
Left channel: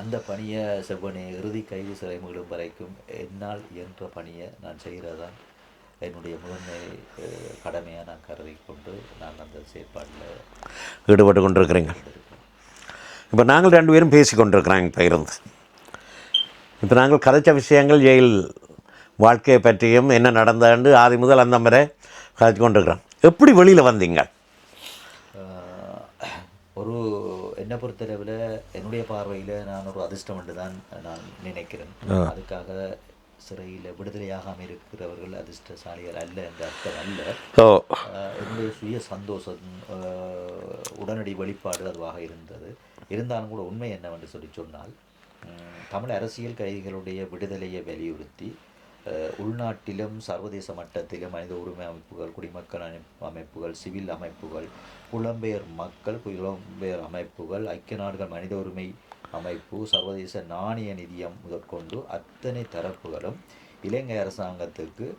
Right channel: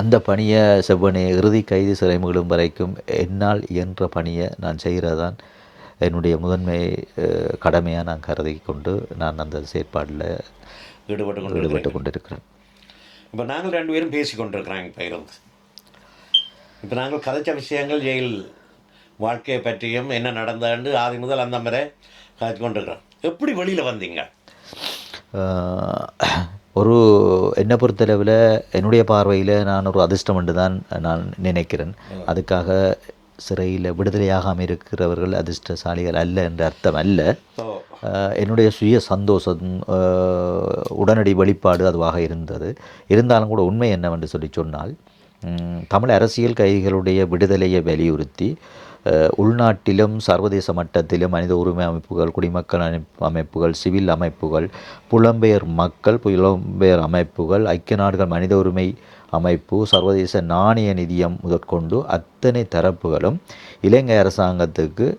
S3: அந்த பணியை செவ்வனே இறுதி கைது சிறை மீளும் வரைக்கும் என்னால் இயன்ற பணியை நான் செய்கிறதான் என்னுடைய முதன்மை கடமையாக நான் கருதி கொண்டு நான் அந்த செயற்பாடில்
S2: ஈடுபட்டு கொண்டிருக்கிறீங்க
S3: கொண்டிருக்கிறேன்.
S2: இப்போ நாங்கள் ரெண்டு பேரும் பேசி கொண்டிருக்கிறோம் இப்போ இருந்து இப்போ நாங்கள் கதைச்ச விஷயங்கள் ஜெயில் வாழ்க்கையை பற்றியும் என்ன நடந்ததுன்னு ஆதி முதல் அந்த வரை கதைச்சு கொண்டிருக்கிறோம். எப்படி வெளியில் வந்தீங்க?
S3: ஒரு என்னை பொறுத்தளவில் என்னுடைய பார்வையில் நான் ஒரு அதிர்ஷ்டம் என்று தான் நான் நினைக்கிறேன். அதுக்காக சிறையில் விடுதலையாகாமல் இருக்கிறவர்கள் அதிர்ஷ்டசாலிகள் அல்ல என்ற அர்த்தம் அல்ல. என்னுடைய சுய சந்தோஷம் உடனடி வெளிப்பாடு அதுவாக இருந்தது. இருந்தாலும் கூட உண்மை என்னவென்று சொல்லி சொன்னால் தமிழ் அரசியல் கைதிகளுடைய விடுதலையை வலியுறுத்தி உள்நாட்டிலும் சர்வதேச மட்டத்திலும் மனித உரிமை அமைப்புகள் குடிமக்கள் அமைப்பு- அமைப்புகள் சிவில் அமைப்புகள் புலம்பெயர் மக்கள் புலம்பெயர் அமைப்புகள் ஐக்கிய நாடுகள் மனித உரிமை அமைப்பு சர்வதேச நாணய நிதியம் முதற்கொண்டு அத்தனை தரப்புகளும் இலங்கை அரசாங்கத்துக்கு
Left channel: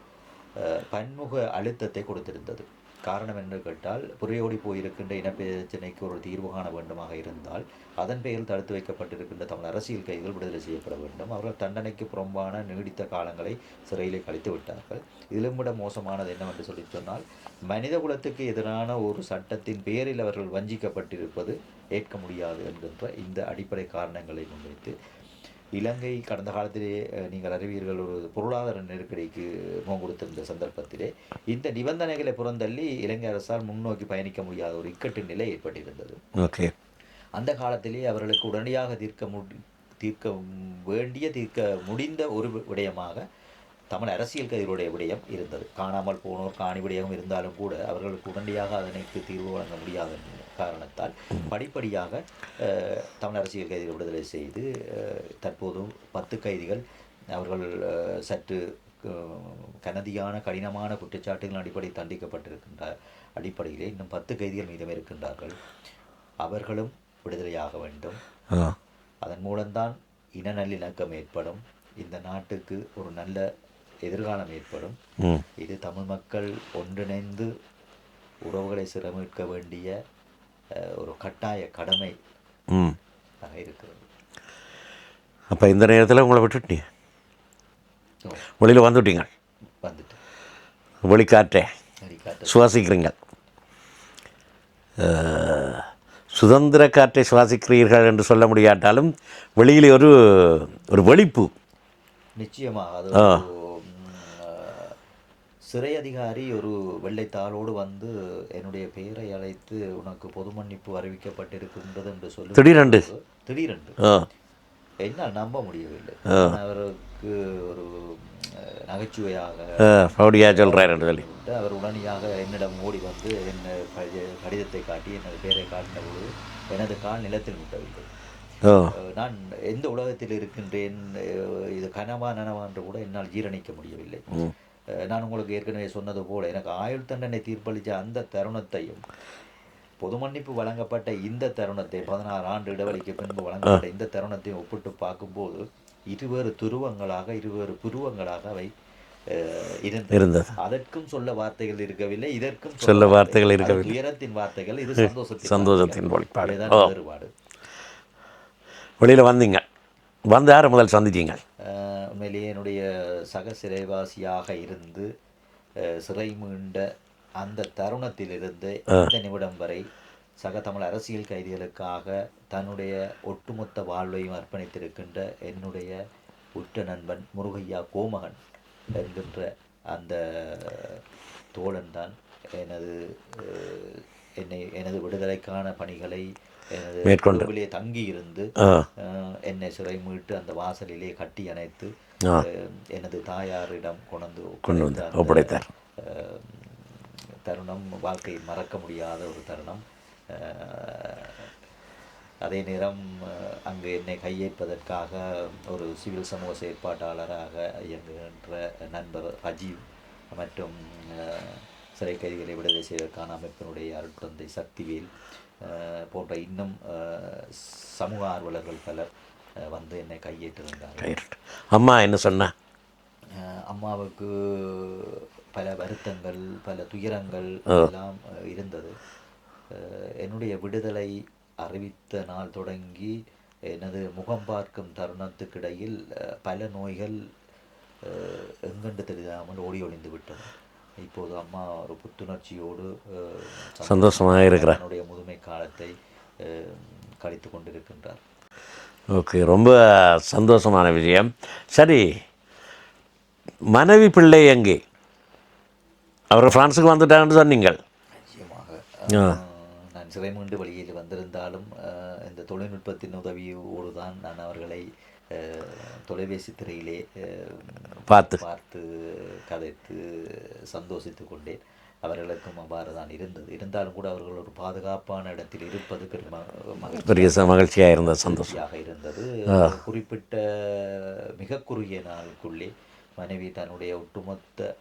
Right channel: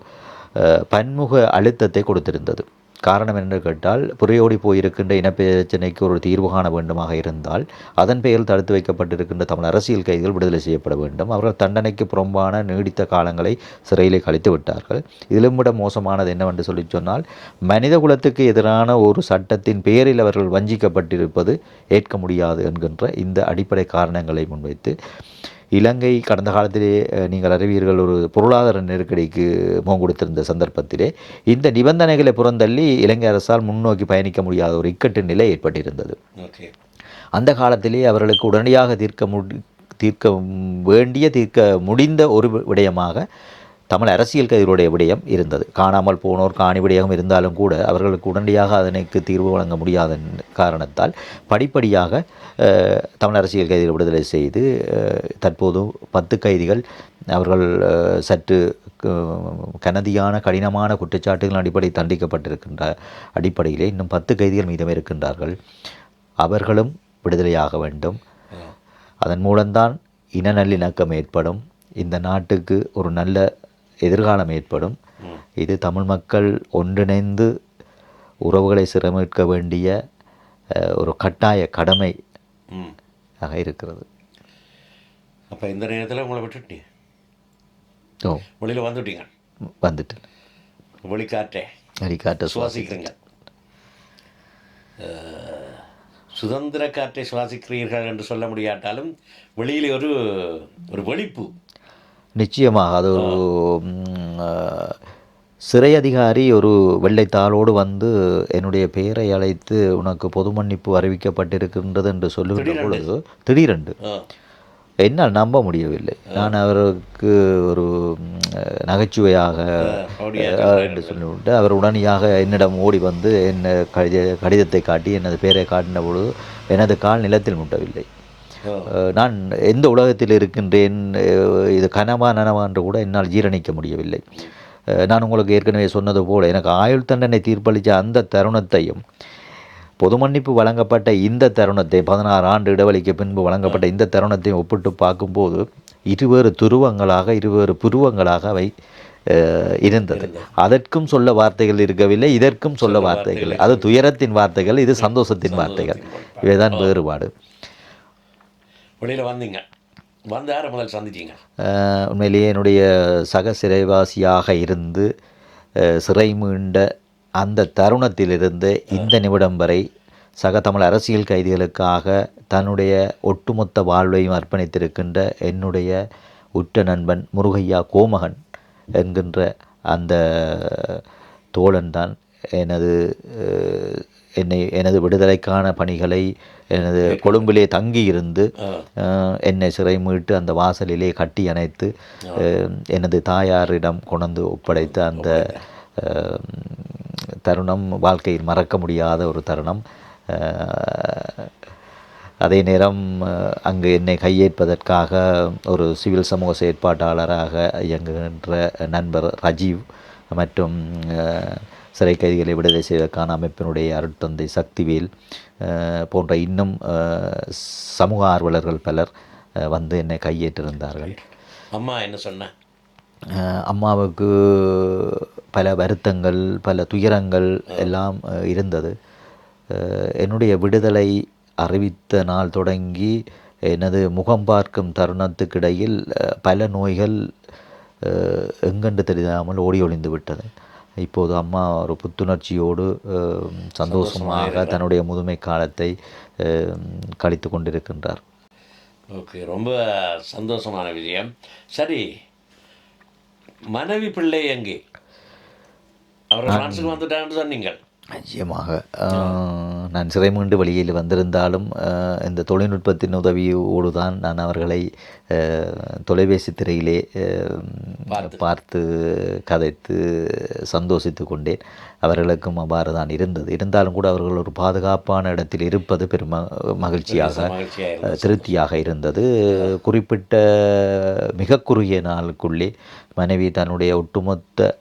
S3: பன்முக அழுத்தத்தை கொடுத்திருந்தது. காரணம் என்று கேட்டால் புறையோடி போயிருக்கின்ற இனப்பிரச்சனைக்கு ஒரு தீர்வு காண வேண்டுமாக இருந்தால் அதன் பெயரில் தடுத்து வைக்கப்பட்டிருக்கின்ற தமிழ் அரசியல் கைதிகள் விடுதலை செய்யப்பட வேண்டும். அவர்கள் தண்டனைக்கு புறம்பான நீடித்த காலங்களை சிறையிலே கழித்து விட்டார்கள். இதிலும் விட மோசமானது என்னவென்று சொல்லி சொன்னால் மனித குலத்துக்கு எதிரான ஒரு சட்டத்தின் பெயரில் அவர்கள் வஞ்சிக்கப்பட்டிருப்பது ஏற்க முடியாது என்கின்ற இந்த அடிப்படை காரணங்களை முன்வைத்து இலங்கை கடந்த காலத்திலே நீங்கள் அறிவீர்கள் ஒரு பொருளாதார நெருக்கடிக்கு முகம் கொடுத்திருந்த சந்தர்ப்பத்திலே இந்த நிபந்தனைகளை புறந்தள்ளி இலங்கை அரசால் முன்னோக்கி பயணிக்க முடியாத ஒரு இக்கட்டு நிலை ஏற்பட்டிருந்தது.
S2: ஓகே.
S3: அந்த காலத்திலே அவர்களுக்கு உடனடியாக தீர்க்க முடி தீர்க்க வேண்டிய தீர்க்க முடிந்த ஒரு விடயமாக தமிழ் அரசியல் கைதிகளுடைய விடயம் இருந்தது. காணாமல் போனோர் காணி விடயம் இருந்தாலும் கூட அவர்களுக்கு உடனடியாக அதனுக்கு தீர்வு வழங்க முடியாத காரணத்தால் படிப்படியாக தமிழ் அரசியல் கைதிகள் விடுதலை செய்து அஹ், தற்போது பத்து கைதிகள் அவர்கள் சற்று கனதியான கடினமான குற்றச்சாட்டுகள் அடிப்படை தண்டிக்கப்பட்டிருக்கின்ற அடிப்படையிலே இன்னும் பத்து கைதிகள் மீதம் இருக்கின்றார்கள். அவர்களும் விடுதலையாக வேண்டும். அதன் மூலம்தான் இன நல்லிணக்கம் ஏற்படும். இந்த நாட்டுக்கு ஒரு நல்ல எதிர்காலம் ஏற்படும். இது தமிழ் மக்கள் ஒன்றிணைந்து உறவுகளை சிரமிக்க வேண்டிய ஒரு கட்டாய கடமை ஆக இருக்கிறது.
S2: அப்போ இந்த நேரத்தில் உங்களை விட்டுட்டீங்க?
S3: ஓ.
S2: வெளியில் வந்துட்டீங்க?
S3: வந்துட்டு.
S2: வெளிக்காற்றே.
S3: அரிக்காட்டு
S2: சுவாசிக்கிறீங்க. சுதந்திர காற்றை சுவாசிக்கிறீர்கள் என்று சொல்ல முடியாட்டாலும் வெளியிலே ஒரு ஒரு வெளிப்பு
S3: நிச்சயமாக அது ஒரு சிறை அதிகாரி ஒரு வெள்ளைத்தாளோடு வந்து என்னுடைய பெயரை அழைத்து உனக்கு பொது மன்னிப்பு அறிவிக்கப்பட்டிருக்கின்றது என்று சொல்லி
S2: திடீரென்று?
S3: திடீரென்று.
S2: ஆ.
S3: என்னால் நம்ப முடியவில்லை. நான் அவருக்கு ஒரு நகைச்சுவையாக அவர் உடனடியாக என்னிடம் ஓடி வந்து என்ன கடித கடிதத்தை காட்டி எனது பெயரை காட்டின பொழுது எனது கால் நிலத்தில் முட்டவில்லை. நான் எந்த உலகத்தில் இருக்கின்றேன் இது கனவா நனவா என்று கூட என்னால் ஜீரணிக்க முடியவில்லை. நான் உங்களுக்கு ஏற்கனவே சொன்னது போல எனக்கு ஆயுள் தண்டனை தீர்ப்பளித்த அந்த தருணத்தையும் பொது மன்னிப்பு வழங்கப்பட்ட இந்த தருணத்தை பதினாறு ஆண்டு இடைவெளிக்கு பின்பு வழங்கப்பட்ட இந்த தருணத்தை ஒப்பிட்டு பார்க்கும்போது இருவேறு துருவங்களாக இருவேறு புருவங்களாக அவை இருந்தது. அதற்கும் சொல்ல வார்த்தைகள் இருக்கவில்லை இதற்கும் சொல்ல வார்த்தைகள் அது துயரத்தின் வார்த்தைகள் இது சந்தோஷத்தின் வார்த்தைகள். இவைதான் வேறுபாடு.
S2: வெளியில் வந்தீங்க. வந்து யாரை முதல் சந்திச்சீங்க?
S3: அஹ், உண்மையிலேயே என்னுடைய சக சிறைவாசியாக இருந்து சிறை மீண்ட அந்த தருணத்திலிருந்து இந்த நிமிடம் வரை சக தமிழ் அரசியல் கைதிகளுக்காக தன்னுடைய ஒட்டுமொத்த வாழ்வையும் அர்ப்பணித்திருக்கின்ற என்னுடைய உற்ற நண்பன் முருகையா கோமகன் என்கின்ற அந்த தோழன் தான் எனது என்னை எனது விடுதலைக்கான பணிகளை எனது கொழும்பிலே தங்கி இருந்து என்னை சிறை மீட்டு அந்த வாசலிலே கட்டி அணைத்து எனது தாயாரிடம் கொண்டு ஒப்படைத்த அந்த தருணம் வாழ்க்கையில் மறக்க முடியாத ஒரு தருணம். அதே நேரம் அங்கு என்னை கையேற்பதற்காக ஒரு சிவில் சமூக செயற்பாட்டாளராக இயங்குகின்ற நண்பர் ரஜீவ் மற்றும் சிறை கைதிகளை விடுதலை செய்வதற்கான அமைப்பினுடைய அருட்தந்தை சக்திவேல் போன்ற இன்னும் சமூக ஆர்வலர்கள் பலர் வந்து என்னை கையேற்றிருந்தார்கள்.
S2: அம்மா என்ன சொன்னா?
S3: அம்மாவுக்கு பல வருத்தங்கள் பல துயரங்கள் எல்லாம் இருந்தது. என்னுடைய விடுதலை அறிவித்த நாள் தொடங்கி எனது முகம் பார்க்கும் தருணத்துக்கிடையில் பல நோய்கள் எங்கென்று தெரியாமல் ஓடி ஒளிந்து விட்டது. இப்போது அம்மா ஒரு புத்துணர்ச்சியோடு சந்தோஷமாக தன்னுடைய முதுமை காலத்தை கழித்து கொண்டிருக்கின்றார்.
S2: ஓகே ரொம்ப சந்தோஷமான விஷயம் சரி மனைவி பிள்ளை எங்கே? அவர் பிரான்ஸுக்கு வந்துட்டாங்கன்னு சொன்னீங்கள்
S3: நிச்சயமாக. நான் சிறை மீண்டு வெளியில் வந்திருந்தாலும் இந்த தொழில்நுட்பத்தின் உதவியோடு தான் நான் அவர்களை தொலைபேசி திரையிலே
S2: பார்த்து.
S3: பார்த்து கதைத்து சந்தோஷித்து கொண்டேன். அவர்களுக்கும் அவ்வாறு தான் இருந்தது. இருந்தாலும் கூட அவர்கள் ஒரு பாதுகாப்பான இடத்தில் இருப்பது பெரும் மகிழ்ச்சியாக
S2: மகிழ்ச்சியாக இருந்தது
S3: திருப்தியாக இருந்தது. குறிப்பிட்ட மிக குறுகிய நாளுக்குள்ளே மனைவி தன்னுடைய ஒட்டுமொத்த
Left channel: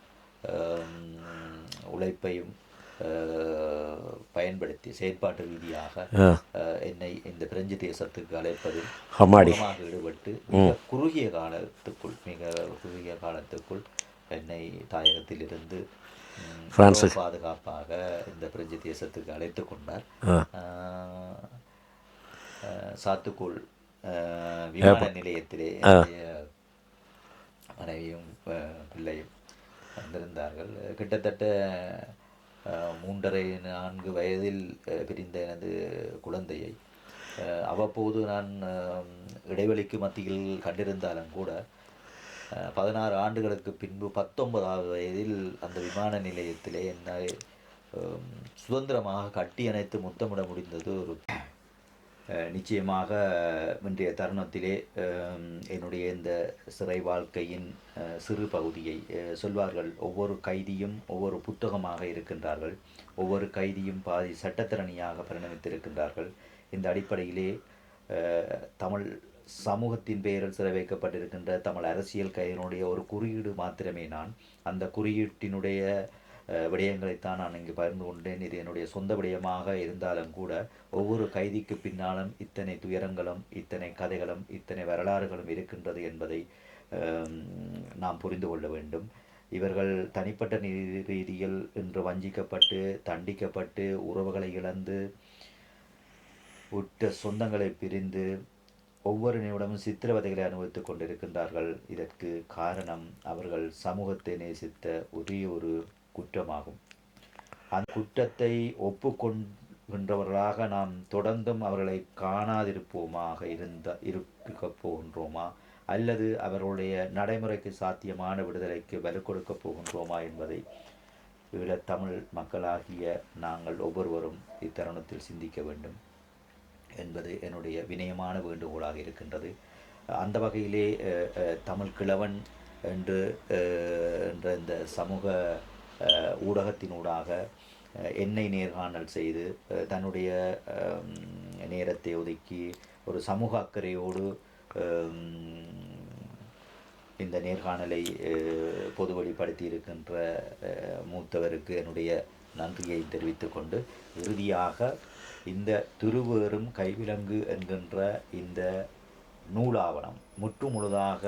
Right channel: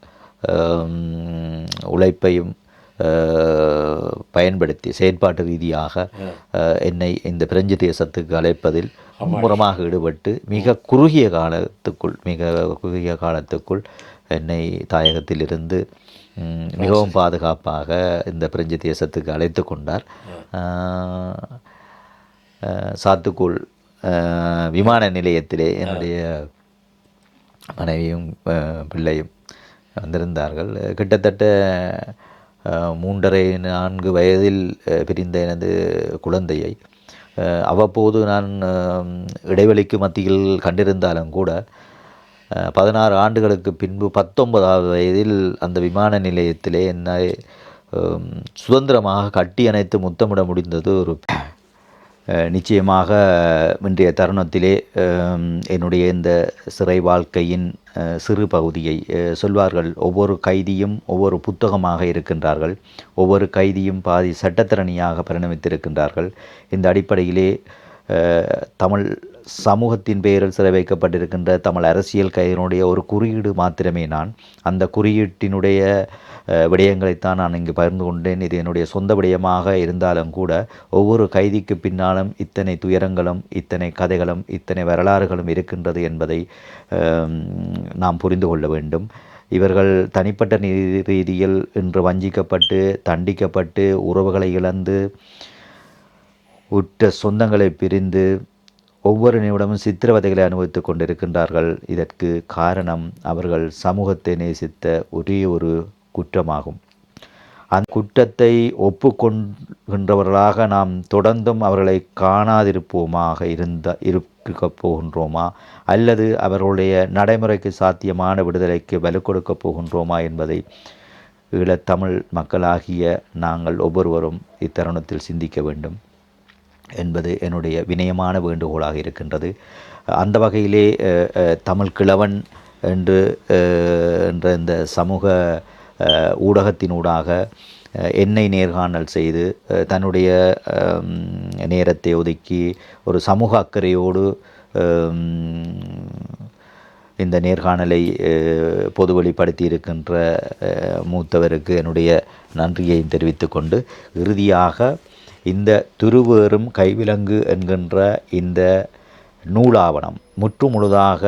S3: உழைப்பையும் பயன்படுத்தி செயற்பாட்டு ரீதியாக என்னை இந்த பிரெஞ்சு தேசத்துக்கு அழைப்பதில் மும்முரமாக ஈடுபட்டு மிக குறுகிய காலத்துக்குள் மிக குறுகிய காலத்துக்குள் என்னை தாயகத்திலிருந்து மிகவும் பாதுகாப்பாக இந்த பிரெஞ்சு தேசத்துக்கு அழைத்து கொண்டார். சாத்துக்குள் விமான நிலையத்திலே என்னுடைய மனைவியும் பிள்ளையும் வந்திருந்தார்கள். கிட்டத்தட்ட மூன்றரை நான்கு வயதில் பிரிந்த எனது குழந்தையை. அவ்வப்போது நான் இடைவெளிக்கு மத்தியில் கண்டிருந்தாலும் கூட பதினாறு ஆண்டுகளுக்கு பின்பு பத்தொன்பதாவது வயதில் அந்த விமான நிலையத்திலே என்னை சுதந்திரமாக கட்டி அணைத்து முத்தமிட முடிந்தது ஒரு நிச்சயமாக இன்றைய தருணத்திலே என்னுடைய இந்த சிறை வாழ்க்கையின் சிறு பகுதியை சொல்வார்கள் ஒவ்வொரு கைதியும் ஒவ்வொரு புத்தகமாக இருக்கின்றார்கள். ஒவ்வொரு கைதியும் பாதி சட்டத்திறனியாக பரிணமித்திருக்கின்றார்கள். இந்த அடிப்படையிலே தமிழ் சமூகத்தின் பெயரில் சிறை வைக்கப்பட்டிருக்கின்ற தமிழ் அரசியல் கைதியினுடைய ஒரு குறியீடு மாத்திரமே நான். அந்த குறியீட்டினுடைய விடயங்களைத்தான் நான் இங்கு பகிர்ந்து கொண்டேன். இது என்னுடைய சொந்த விடயமாக இருந்தாலும் கூட ஒவ்வொரு கைதிக்கு பின்னாலும் இத்தனை துயரங்களும் இத்தனை கதைகளும் இத்தனை வரலாறுகளும் இருக்கின்றது என்பதை நாம் புரிந்து கொள்ள வேண்டும். இவர்கள் தனிப்பட்ட ரீதியில் இன்று வஞ்சிக்கப்பட்டு தண்டிக்கப்பட்டு உறவுகளை இழந்து உற்ற சொந்தங்களை பிரிந்து ஒவ்வொரு நிமிடமும் சித்திரவதைகளை அனுபவித்துக் கொண்டிருக்கின்றார்கள். இதற்கு காரணம் அவர்கள் சமூகத்தை நேசித்த ஒரே ஒரு குற்றமாகும். அந்த குற்றத்தை ஒப்புக்கொள்கின்றவர்களாக நாம் தொடர்ந்தும் அவர்களை காணாதிருப்போமாக இருந்த இருக்கப் போகின்றோமா? அல்லது அவர்களுடைய நடைமுறைக்கு சாத்தியமான விடுதலைக்கு வலு கொடுக்கப் போகின்றோமா என்பதை ஈழத்தமிழ் மக்களாகிய நாங்கள் ஒவ்வொருவரும் இத்தருணத்தில் சிந்திக்க வேண்டும் என்பது என்னுடைய வினயமான வேண்டுகோளாக இருக்கின்றது. அந்த வகையிலே அஹ், அஹ், தமிழ் கிழவன் என்று அஹ், என்ற இந்த சமூக ஊடகத்தினூடாக எண்ணெய் என்னை நேர்காணல் செய்து தன்னுடைய நேரத்தை ஒதுக்கி ஒரு சமூக அக்கறையோடு இந்த நேர்காணலை அஹ், பொதுவெளிப்படுத்தி இருக்கின்ற மூத்தவருக்கு என்னுடைய நன்றியை தெரிவித்துக்கொண்டு இறுதியாக இந்த திருவேறும் கைவிலங்கு என்கின்ற இந்த நூலாவணம் முற்று முழுதாக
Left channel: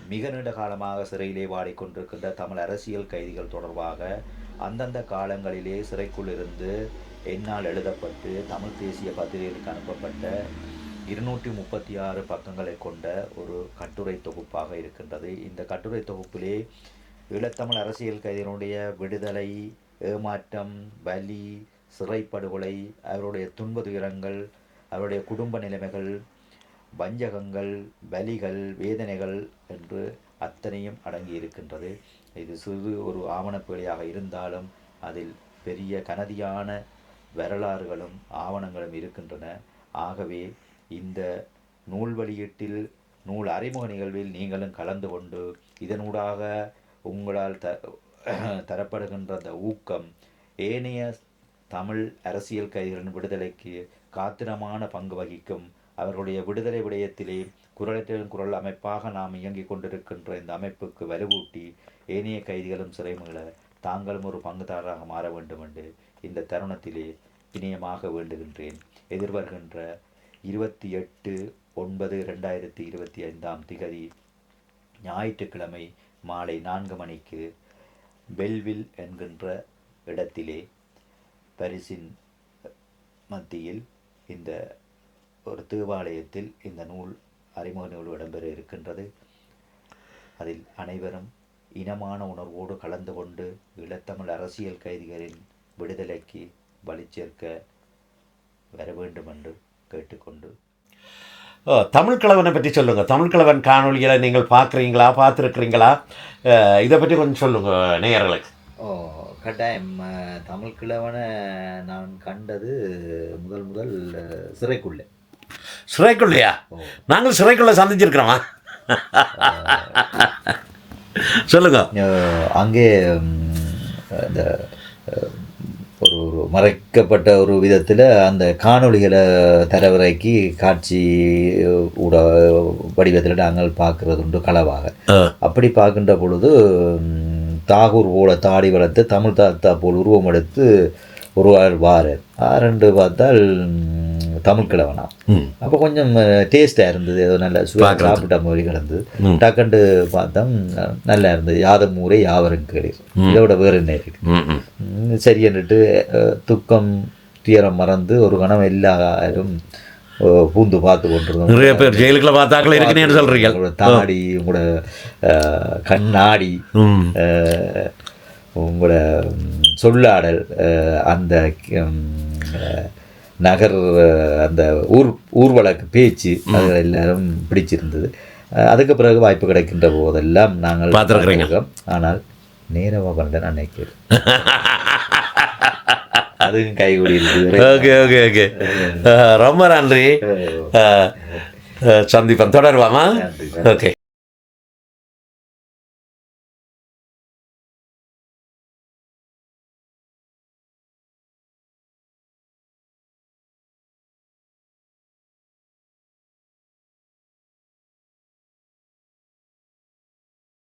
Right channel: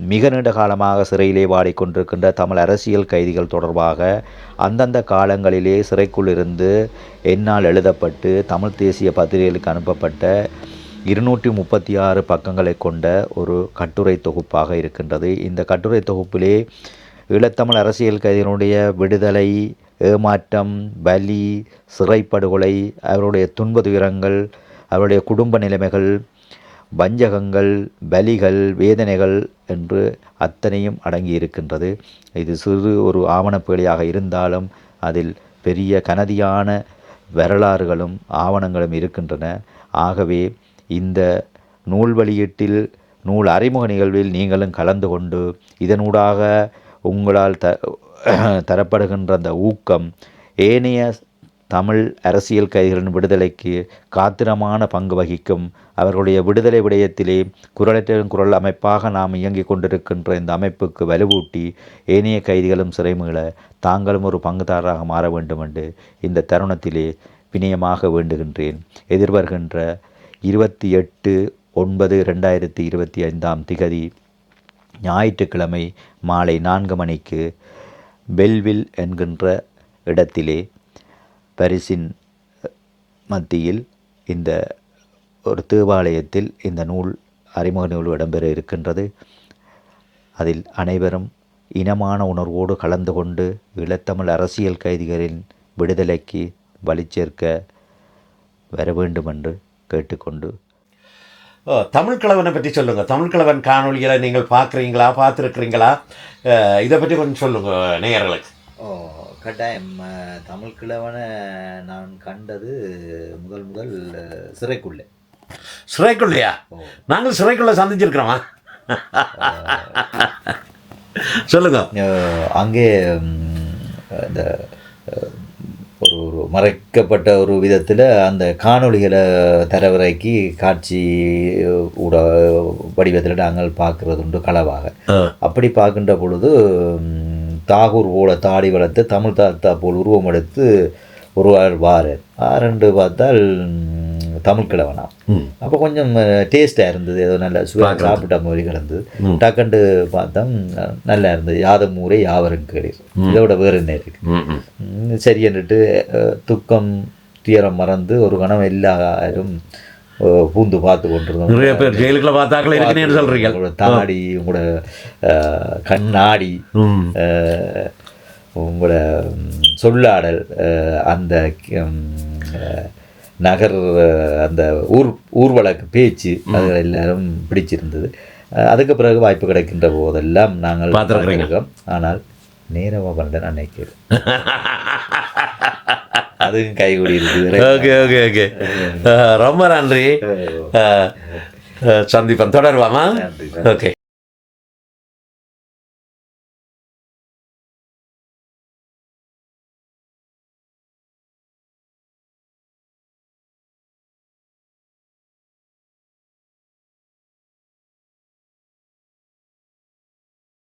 S3: மிக நீண்ட காலமாக சிறையிலே வாடிக்கொண்டிருக்கின்ற தமிழ் அரசியல் கைதிகள் தொடர்பாக அந்தந்த காலங்களிலே சிறைக்குள் இருந்து என்னால் எழுதப்பட்டு தமிழ் தேசிய பத்திரிகைகளுக்கு அனுப்பப்பட்ட இருநூற்றி முப்பத்தி ஆறு பக்கங்களை கொண்ட ஒரு கட்டுரை தொகுப்பாக இருக்கின்றது. இந்த கட்டுரை தொகுப்பிலே ஈழத்தமிழ் அரசியல் கைதிகளுடைய விடுதலை ஏமாற்றம் பலி சிறைப்படுகொலை அவருடைய துன்ப துயரங்கள் அவருடைய குடும்ப நிலைமைகள் வஞ்சகங்கள் பலிகள் வேதனைகள் என்று அத்தனையும் அடங்கி இருக்கின்றது இது சிறு ஒரு ஆவணப்பேழையாக இருந்தாலும் அதில் பெரிய கனதியான வரலாறுகளும் ஆவணங்களும் இருக்கின்றன. ஆகவே இந்த நூல் வெளியீட்டில் நூல் அறிமுக நிகழ்வில் நீங்களும் கலந்து கொண்டு இதனூடாக உங்களால் த தரப்படுகின்ற அந்த ஊக்கம் ஏனைய தமிழ் அரசியல் கைதிகளின் விடுதலைக்கு காத்திரமான பங்கு வகிக்கும் அவர்களுடைய விடுதலை விடயத்திலே குரலற்ற குரல் அமைப்பாக நாம் இயங்கிக் கொண்டிருக்கின்ற இந்த அமைப்புக்கு வலுவூட்டி ஏனைய கைதிகளும் சிறைமீள தாங்களும் ஒரு பங்குதாரராக மாற வேண்டும் என்று இந்த தருணத்திலே வினயமாக வேண்டுகின்றேன். எதிர்வருகின்ற இருபத்தி எட்டு ஒன்பது ரெண்டாயிரத்தி இருபத்தி ஐந்தாம் திகதி ஞாயிற்றுக்கிழமை மாலை நான்கு மணிக்கு பெல்வில் என்கின்ற இடத்திலே பரிசின் மத்தியில் இந்த ஒரு தேவாலயத்தில் இந்த நூல் அறிமுக நூல் இடம்பெற இருக்கின்றது. அதில் அனைவரும் இனமான உணர்வோடு கலந்து கொண்டு ஈழத்தமிழ் அரசியல் கைதிகளின் விடுதலைக்கு வழிச்சேர்க்க வர வேண்டும் என்று கேட்டுக்கொண்டு.
S2: ஓ, தமிழ் கிழவனை பற்றி சொல்லுங்கள் தமிழ் கிழவன் காணொளிகளை நீங்கள் பார்க்குறீங்களா பார்த்துருக்குறீங்களா? இதை பற்றி கொஞ்சம் சொல்லுங்கள் நேயர்களுக்கு.
S3: ஓ கட்டாயம் தமிழ் கிழவனை நான் கண்டது முதல் முதல் சிறைக்குள்ளே.
S2: சிறைக்குள்ளையா? நாங்கள் சிறைக்குள்ளே சந்திச்சிருக்கிறோமா? சொல்லுங்க.
S3: அங்கே இந்த ஒரு ஒரு மறைக்கப்பட்ட ஒரு விதத்தில் அந்த காணொளிகளை தரவரைக்கு காட்சி ஊட வடிவத்தில் நாங்கள் பார்க்கறது உண்டு களவாக அப்படி பார்க்கின்ற பொழுது தாகூர் போல தாடி வளர்த்து தமிழ் தாத்தா போல் உருவம் எடுத்து ஒரு ஆள் வாரர் ஆரண்டு பார்த்தால் தமிழ் கிழவனா. அப்போ கொஞ்சம் டேஸ்ட்டாக இருந்தது. ஏதோ நல்ல சுவை சாப்பிட்ட மாதிரி கிடந்தது. டக்குண்டு பார்த்தோம் ந- நல்லா இருந்தது. யாதும் ஊரே யாவரும் கேளீர். இதோட வேறு என்ன இருக்கு?
S2: ம் ம்.
S3: ம், சரி என்னட்டு அஹ், துக்கம் துயரம் மறந்து ஒரு கணம் எல்லாரும் பூந்து பார்த்து கொண்டிருந்தோம்.
S2: நிறைய பேர் ஜெயிலுக்குள்ள பார்த்தாக்கள் இருக்குன்னு சொல்கிறீங்க
S3: உங்களோட தாடி உங்களோட கண்ணாடி உங்களோட சொல்லாடல் அந்த நகர் அந்த ஊர் ஊர்வலக்கு பேச்சு அது எல்லாரும் பிடிச்சிருந்தது. அதுக்கு பிறகு வாய்ப்பு கிடைக்கின்ற போதெல்லாம் நாங்கள். பார்த்திருக்கோம். ஆனால் நேரவா பண்ண நினைக்கிறேன் அதுவும் கைகூடி
S2: ஓகே ஓகே ஓகே. ரொம்ப நன்றி. சந்திப்போம். தொடருவாமா. ஓகே.